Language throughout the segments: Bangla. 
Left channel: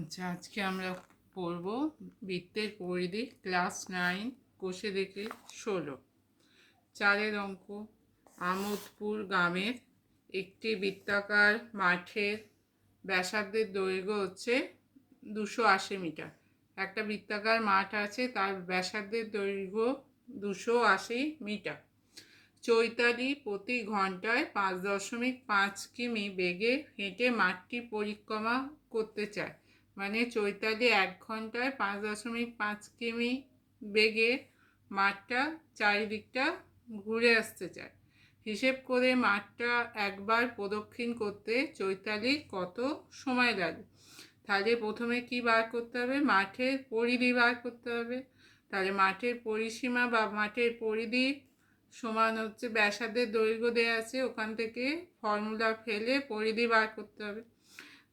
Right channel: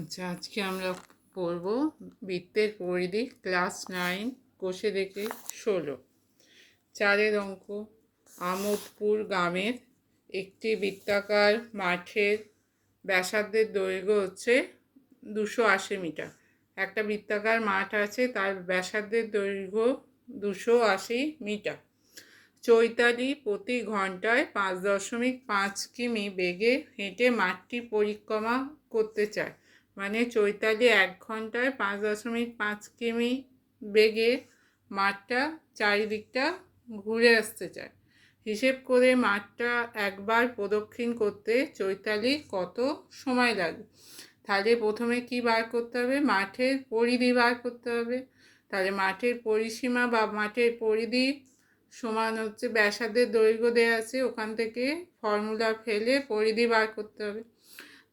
আচ্ছা, আজকে আমরা পড়ব বৃত্তের পরিধি ক্লাস 9 কোষে দেখে 16। 4 অঙ্ক। আমোদপুর গ্রামের একটি বৃত্তাকার মাঠের ব্যাসার্ধের দৈর্ঘ্য হচ্ছে 280 মিটার। একটা বৃত্তাকার মাঠ আছে, তার ব্যাসার্ধের দৈর্ঘ্য 280 মিটার। চৈতালি প্রতি ঘন্টায় 5.5 কিমি বেগে হেঁটে মাঠটি পরিক্রমা করতে চায়। মানে চৈতালি 1 ঘন্টায় 5.5 কিমি বেগে মাঠটা চারিদিকটা ঘুরে আসতে চায়। হিসেব করে মাঠটা একবার প্রদক্ষিণ করতে চৈতালি কত সময় লাগে। তাহলে প্রথমে কি বার করতে হবে? মাঠের পরিধি বার করতে হবে। তাহলে মাঠের পরিসীমা বা মাঠের পরিধি সমান হচ্ছে ব্যাসার্ধের দৈর্ঘ্য দেওয়া আছে, ওখান থেকে ফর্মুলা ফেলে পরিধি বার করতে হবে।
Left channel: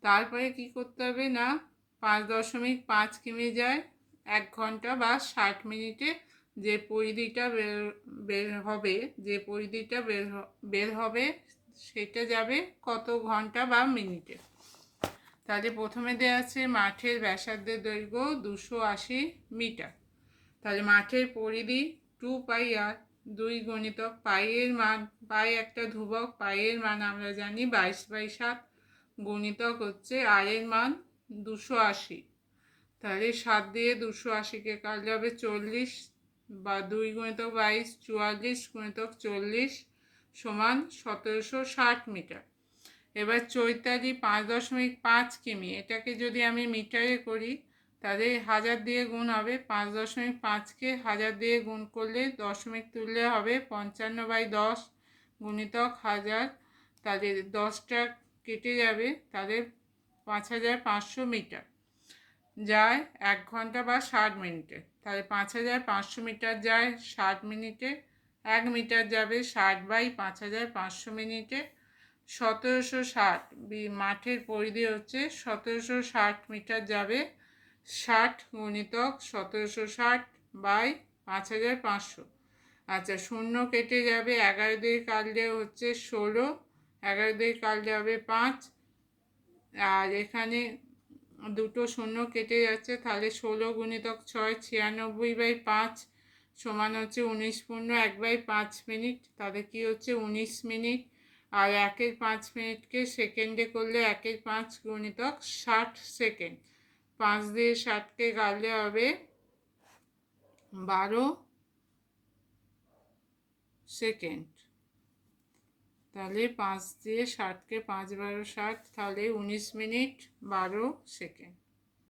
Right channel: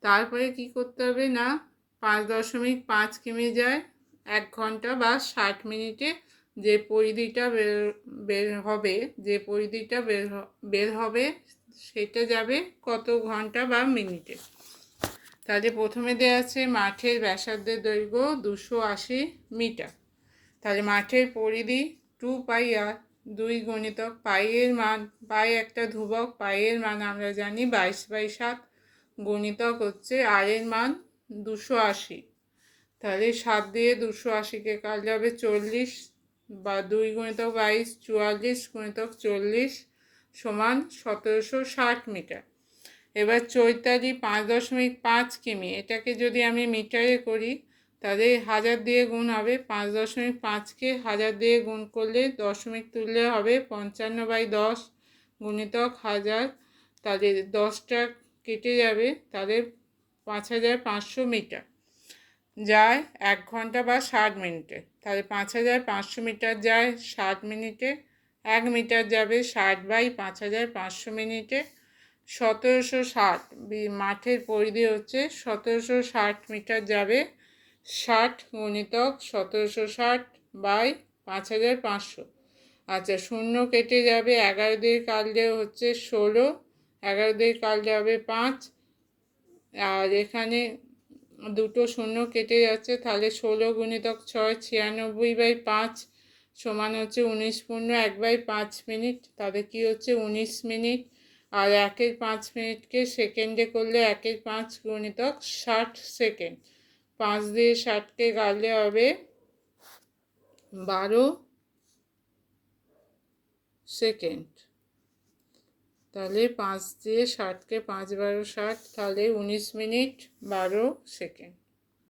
তারপরে কি করতে হবে না, 5.5 কিমি যায় 1 ঘন্টা বা 60 মিনিটে যে পরিধিটা বের হবে, যে পরিধিটা বের হবে সেটা যাবে কত ঘন্টা বা মিনিটে। তাহলে প্রথমে দেওয়া আছে মাঠের ব্যাসার্ধের দৈর্ঘ্য 280 মিটার। তাহলে মাঠের পরিধি 2πr, 2 গুণিতক পাইয়ের মান, পাই একটা ধ্রুবক, পাইয়ের মান আমরা জানি 22/7, গুণিতক হচ্ছে আর এর মান 280। তাহলে 7 দিয়ে 280কে কাটলে হবে 40, বা 2 গুণিতক 22 44 গুণিতক 40 সমান 1760 মিটার। এবার চৈতালি 5.5 কিমি, এটাকে যদি আমি মিটারে করি তাহলে 1000 দিয়ে গুণ হবে। 5.5কে 1000 দিয়ে গুণ করলে দশমিক তুললে হবে 55/10 গুণিতক 1000। তাহলে 10টা কেটে যাবে, তাহলে 5500 মিটার যায় 1 ঘন্টা বা 60 মিনিটে। তাহলে 5500 মিটার যায় 60 মিনিটে। 1 মিটার যাবে 60/5500 মিনিটে। 1760 মাঠের পরিধি হচ্ছে 1760 মিটার যাবে 60 গুণিতক 1760/5500। আচ্ছা, শূন্য কেটে যাবে, 11 দিয়ে কাটলে হচ্ছে 16, 11 দিয়ে কাটলে হবে 5, আর এখানে দুটো শূন্য কেটে যাচ্ছে, তাহলে 16 গুণিতক 6 96/5 সমান হচ্ছে 19 পূর্ণ 1/5 মিনিট। তাহলে কি হচ্ছে 19 মিনিট। আর 1/5 মিনিটকে সেকেন্ডে করলে 1/5 গুণিতক 60 সেকেন্ড। 5 দিয়ে 60কে কাটলে হবে 12 সেকেন্ড। তাহলে 5 দিয়ে 60কে 5 12 60, তাহলে 19 মিনিট 12 সেকেন্ড।